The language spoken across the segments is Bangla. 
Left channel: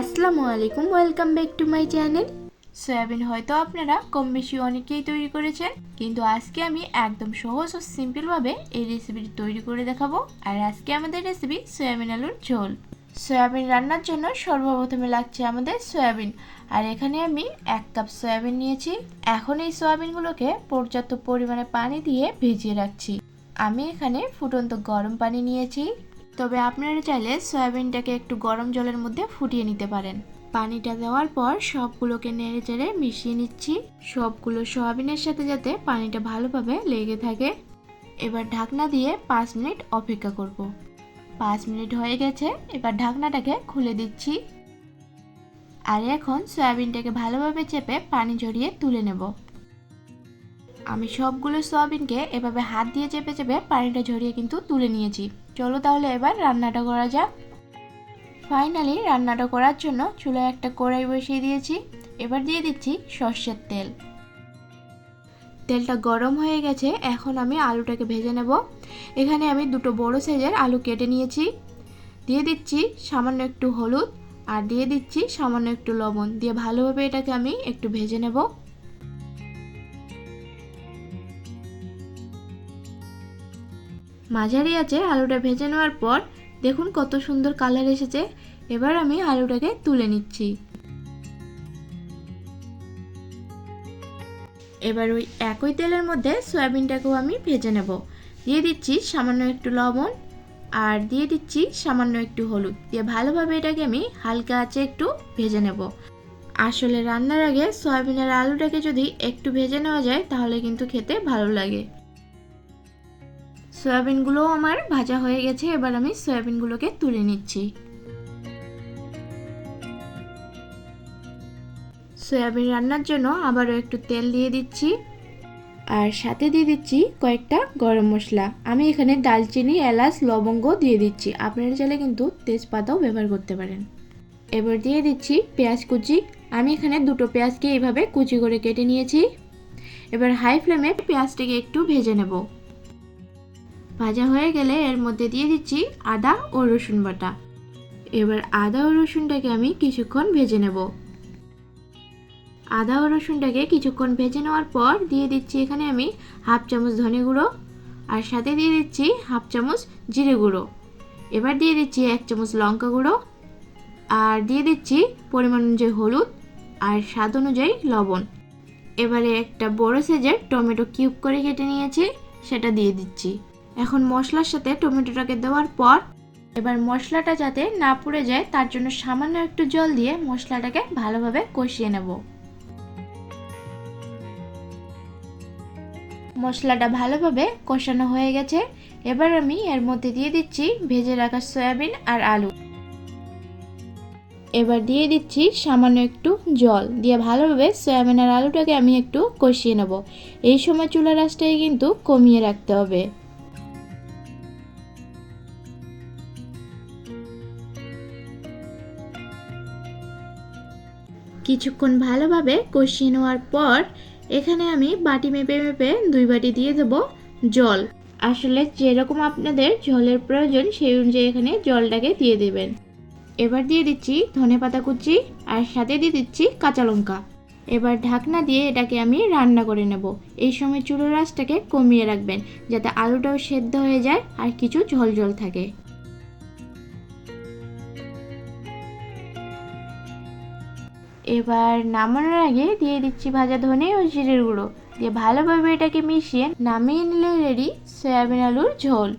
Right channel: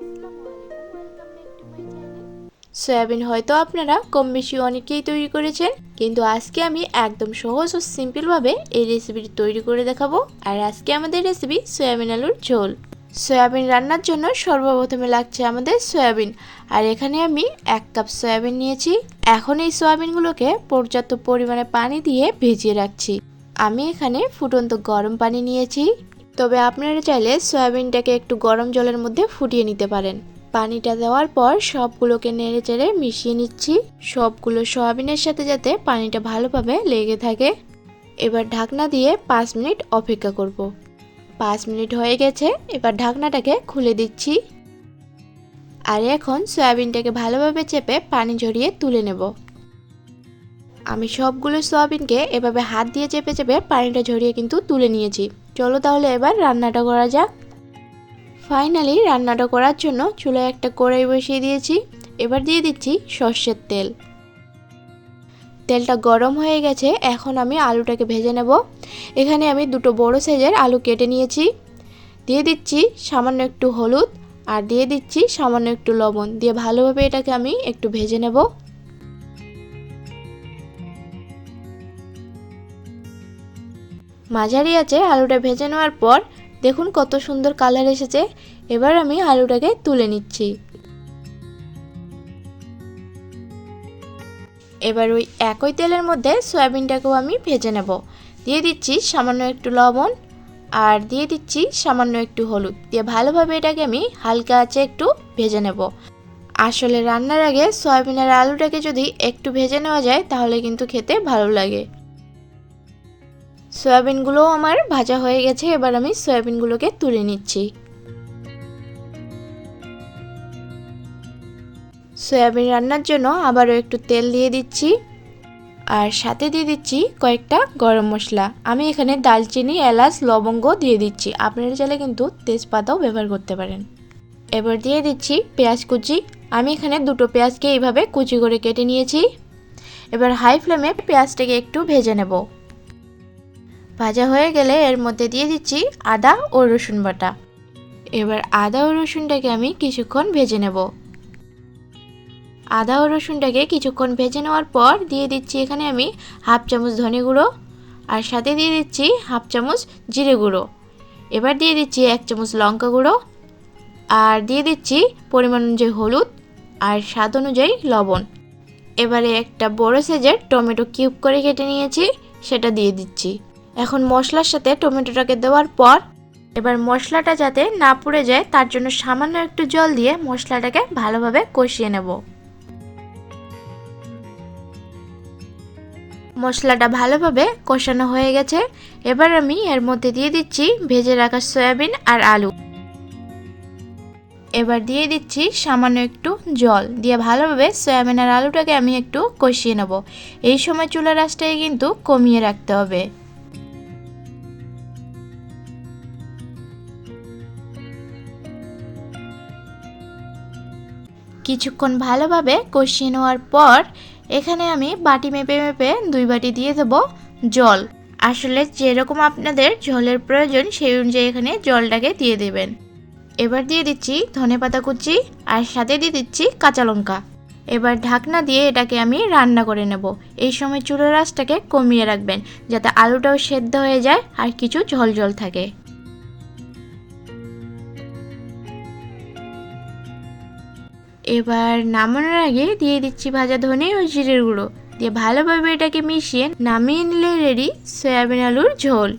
আসসালামু আলাইকুম, welcome back to my channel. Soybean হয়তো আপনারা কম বেশি অনেকেই তৈরি করেছেন, কিন্তু আজকে আমি একদম সহজ ও সিম্পলভাবে এই রেসিপিটি তৈরি করে দেখাবো। আর আজকে আমাদের রেসিপি সয়াবিন আলুর ঝোল। সয়াবিন রান্নার জন্য সর্বপ্রথমে লাগছে আমাদের সয়াবিন, আর এখানে আমি 1 কাপ সয়াবিন নিয়েছি। এখন এই সয়াবিনগুলোকে পর্যাপ্ত পরিমাণে পানি দিয়ে ভিজিয়ে রাখছি। আমি এখানে ফুটন্ত গরম পানি নিয়েছি, তবে আপনারা চাইলে সয়াবিনটাকে একটু গরম জলের মধ্যে ফুটিয়ে নিতে পারেন। পানিটা দেওয়ার পর সবগুলোকে নেড়ে চেড়ে মিশিয়ে নিচ্ছি, সবগুলো সয়াবিনের সাথে যাতে পানিটা ভালোভাবে লেগে থাকে। এবার ঢাকনা দিয়ে 5 মিনিট অপেক্ষা করব। 5 মিনিট হয়ে গেছে, এবার ঢাকনাটাকে খুলে দিচ্ছি। আর এখন সয়াবিনটাকে ভালোভাবে চেপে পানি ঝরিয়ে তুলে নেব। আমি সবগুলো সয়াবিনকে এভাবে হাত দিয়ে চেপে চেপে পানিটা ঝরিয়ে কিন্তু তুলে নিয়েছি। চলো তাহলে এবার রান্নাটা করা যাক। ফাইনালি রান্নাটা করার জন্য চুলায় একটা কড়াই বসিয়ে দিয়েছি। এবার দিয়ে দিচ্ছি সর্ষের তেল। তেলটা গরম হয়ে গেছে, এখন আমি আলুটাকে ভেজে নেব। এখানে আমি দুটো বড় সাইজের আলু কেটে নিয়েছি। দিয়ে দিচ্ছি সামান্য একটু হলুদ আর দিয়ে দিচ্ছি সামান্য একটু লবণ দিয়ে ভালোভাবে এটাকে আমি একটু ভেজে নেব। মাঝারি আঁচে আলুটা ভেজে নেওয়ার পর দেখুন কত সুন্দর কালার এসেছে। এবার আমি আলুটাকে তুলে নিচ্ছি। এবার ওই একই তেলের মধ্যে সয়াবিনটাকেও আমি ভেজে নেব। দিয়ে দিচ্ছি সামান্য একটু লবণ আর দিয়ে দিচ্ছি সামান্য একটু হলুদ দিয়ে ভালোভাবে এটাকে আমি হালকা আঁচে একটু ভেজে নেব। আসলে রান্নার আগে সয়াবিন আর আলুটাকে যদি একটু ভেজে নেওয়া যায় তাহলে কিন্তু খেতে ভালো লাগে। সয়াবিনগুলোও আমার ভাজা হয়ে গেছে, এবার আমি সয়াবিনগুলোকে তুলে নিচ্ছি। সয়াবিন রান্নার জন্য আবারও একটু তেল দিয়ে দিচ্ছি আর সাথে দিয়ে দিচ্ছি কয়েকটা গরম মশলা। আমি এখানে দালচিনি, এলাচ, লবঙ্গ দিয়ে দিচ্ছি, আপনারা চাইলে কিন্তু তেজপাতাও ব্যবহার করতে পারেন। এবার দিয়ে দিচ্ছি পেঁয়াজ কুচি। আমি এখানে দুটো পেঁয়াজকে এইভাবে কুচি করে কেটে নিয়েছি। এবার হাই ফ্লেমে পেঁয়াজটাকে একটু ভেজে নেব। ভাজা হয়ে গেলে এর মধ্যে দিয়ে দিচ্ছি আদা ও রসুন বাটা। এবার আদা ও রসুনটাকে আমি কিছুক্ষণ ভেজে নেব। আদা ও রসুনটাকে কিছুক্ষণ ভেজে নেওয়ার পর দিয়ে দিচ্ছি এখানে আমি হাফ চামচ ধনে গুঁড়ো আর সাথে দিয়ে দিচ্ছি হাফ চামচ জিরে গুঁড়ো। এবার দিয়ে দিচ্ছি 1 চামচ লঙ্কা গুঁড়ো আর দিয়ে দিচ্ছি পরিমাণ অনুযায়ী হলুদ আর স্বাদ অনুযায়ী লবণ। এবারে একটা বড় সাইজের টমেটো কিউব করে কেটে নিয়েছি, সেটা দিয়ে দিচ্ছি। এখন মশলার সাথে টমেটোটাকে দেওয়ার পর এবার মশলাটা যাতে না পুড়ে যায় তার জন্য সামান্য একটু জল দিয়ে মশলাটাকে ভালোভাবে কষিয়ে নেব। মশলাটা ভালোভাবে কষানো হয়ে গেছে, এবার আমি এর মধ্যে দিয়ে দিচ্ছি ভেজে রাখা সয়াবিন আর আলু। এবার দিয়ে দিচ্ছি সামান্য একটু জল দিয়ে ভালোভাবে সয়াবিন আর আলুটাকে আমি একটু কষিয়ে নেব। এই সময় চুলার আঁচটাকে কিন্তু কমিয়ে রাখতে হবে। কিছুক্ষণ ভালোভাবে কষিয়ে নেওয়ার পর এখানে আমি বাটি মেপে মেপে 2 বাটি দিয়ে দেব জল। আসলে যেরকম আপনাদের ঝোলের প্রয়োজন সেই অনুযায়ী এখানে জলটাকে দিয়ে দেবেন। এবার দিয়ে দিচ্ছি ধনেপাতা কুচি আর সাথে দিয়ে দিচ্ছি কাঁচা লঙ্কা। এবার ঢাকনা দিয়ে এটাকে আমি রান্না করে নেব। এই সময় চুলার আঁচটাকে কমিয়ে রাখবেন যাতে আলুটাও সেদ্ধ হয়ে যায় আর কিছু ঝোল ঝোল থাকে। এবার নামানোর আগে দিয়ে দিচ্ছি ভাজা ধনে ও জিরের গুঁড়ো দিয়ে ভালোভাবে এটাকে মিশিয়ে নামিয়ে নিলে রেডি সয়াবিন আলুর ঝোল।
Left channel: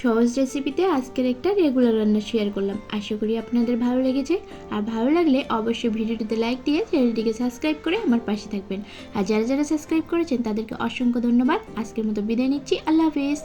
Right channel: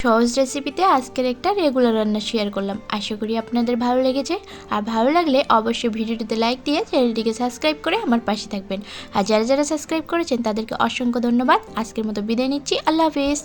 সহজ রেসিপিতে আজকের একটা রেগুলার রান্না শেয়ার করলাম, আশা করি আপনাদের ভালো লেগেছে। আর ভালো লাগলে অবশ্যই ভিডিওটিতে লাইক দিয়ে চ্যানেলটিকে সাবস্ক্রাইব করে আমার পাশে থাকবেন। আর যারা যারা সাবস্ক্রাইব করেছেন তাদেরকে অসংখ্য ধন্যবাদ। আজকের মতো বিদায় নিচ্ছি, আল্লাহ হাফেজ।